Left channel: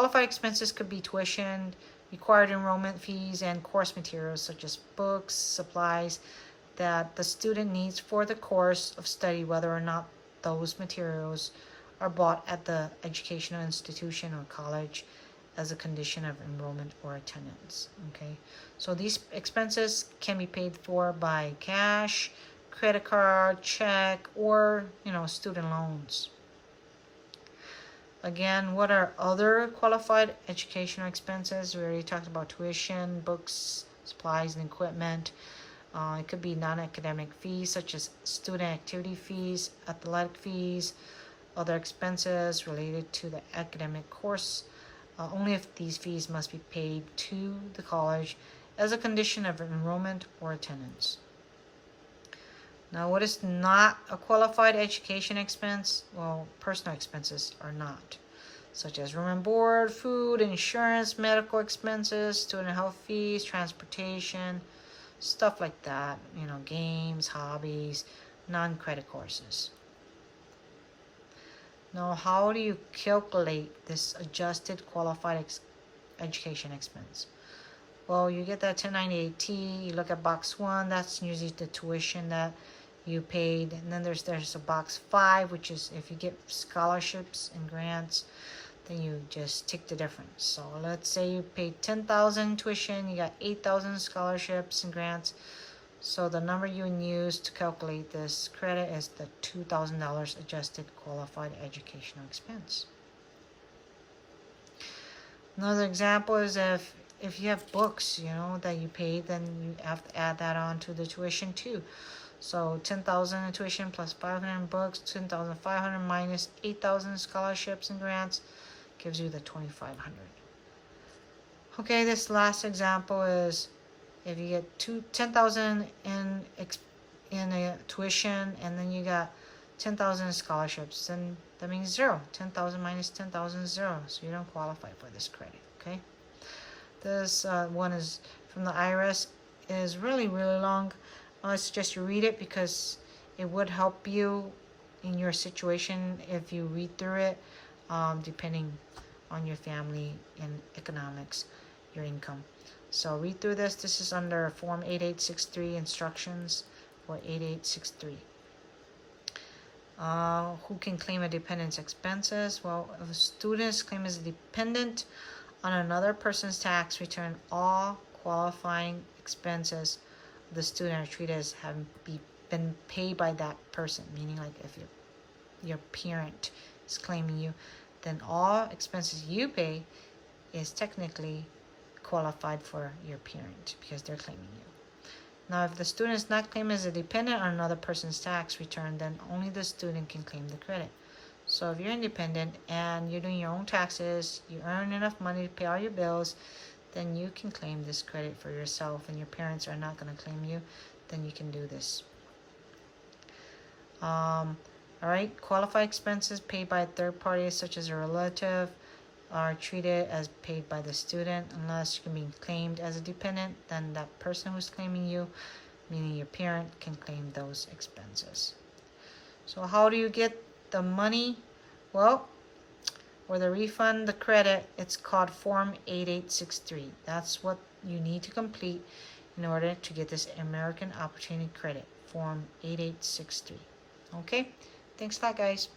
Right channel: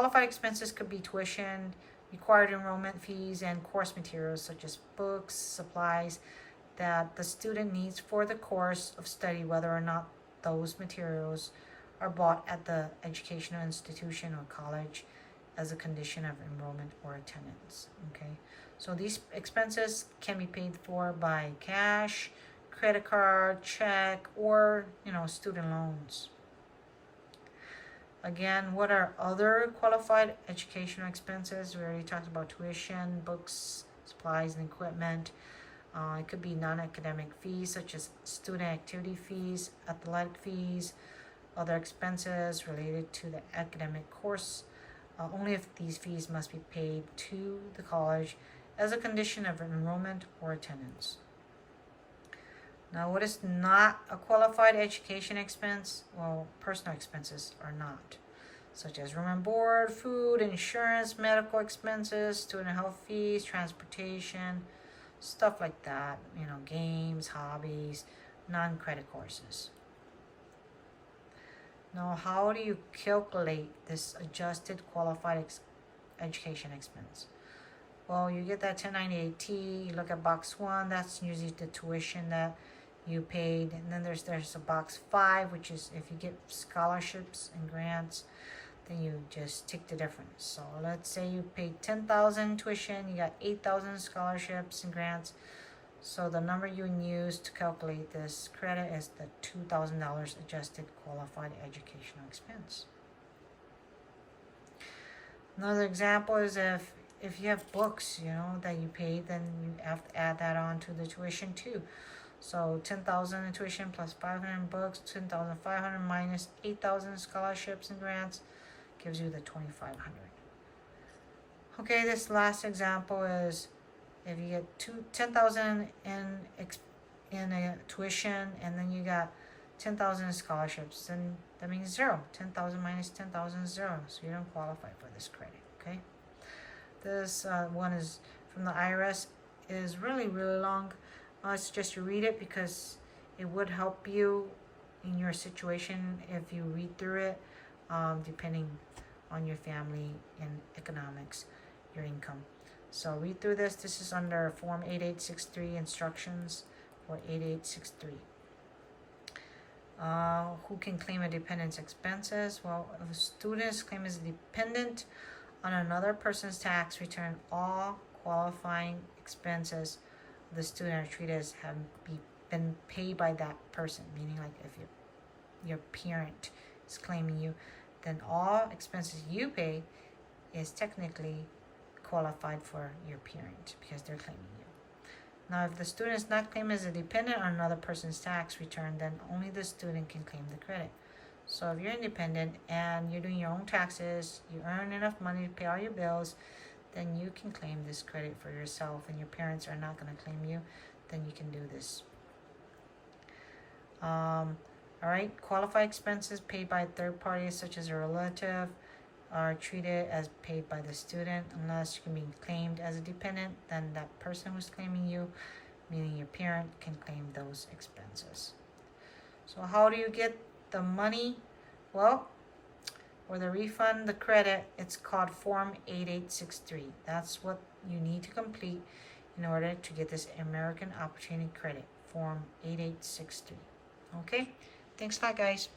Qualified expenses could be tuition, required enrollment fees, and course materials such as books, supplies that the student needs for the course of study, whether or not those materials are bought at the educational institution or college as a condition of enrollment or attendance. Okay, so these expenses can be paid for by cash, credit card, check, or student loans. Again, what are other qualified educational expenses? We already talked about tuition, books, supplies, and equipment. It could be non-academic fees such as student activity fees, athletic fees, other expenses related to the academic course, only if these fees must be paid to the college as a condition of enrollment or attendance. Now, what is not a qualified education expense? Well, personal expenses are not, such as room and board, food, insurance, medical expenses, student health fees, transportation, stuff like that, games, hobbies, non-credit courses. Now, how do you calculate this adjusted qualified education expense? Well, you get that 1098-T, you look at box 1, that's usually the tuition that you paid, and then there's a box 5, which is if you get scholarships and grants, then you just take the difference. So let's say you paid $10,000 tuition, you got $8,000 scholarships and grants. So the number you would use to calculate this credit is the $2,000 adjusted qualified educational expense. Another example is if you have books, that you paid, then you have to add that on to the tuition too. So 10,000 in tuition plus 500 books, 10,500 minus 8,000 scholarships and grants gives you the 2,500. Okay, this last example is if you get 10,000 in a tuition and then you got 10,000 in scholarships, then that means 0. 10,000 minus 10,000 is 0, so you don't qualify for this credit. Okay, this one is from the IRS, is really long. I suggest you read it because it would help you in your situation if you read through it, depending on your family and economics, your income. So read through this. This is under Form 8863, instructions for 8863. Who can claim a dependent's expenses? Well, if a student's claim is a dependent on another person's tax return, all qualifying expenses of the student are treated as having been paid by that person. Meaning, like if your parent is claiming you, then all expenses you pay is technically qualified for your parent because they're claiming you. Now, if the student is not claimed as a dependent on another person's tax return, then only the student can claim the credit. So if you're independent and you're doing your own taxes, you earn enough money to pay all your bills, then you can claim this credit for yourself, and your parents are not going to claim you, then you can do this. Alright, qualified expenses paid by third parties such as a relative are treated as paid by the student unless you can be claimed as a dependent. Then that person who's claiming you, meaning your parent, can claim those expenses. So how do you get the money? Well, or the refund, the credit, it's called Form 8863. That's what you need to complete in order to get this American Opportunity Credit, Form 8863. Okay, thanks a lot, guys.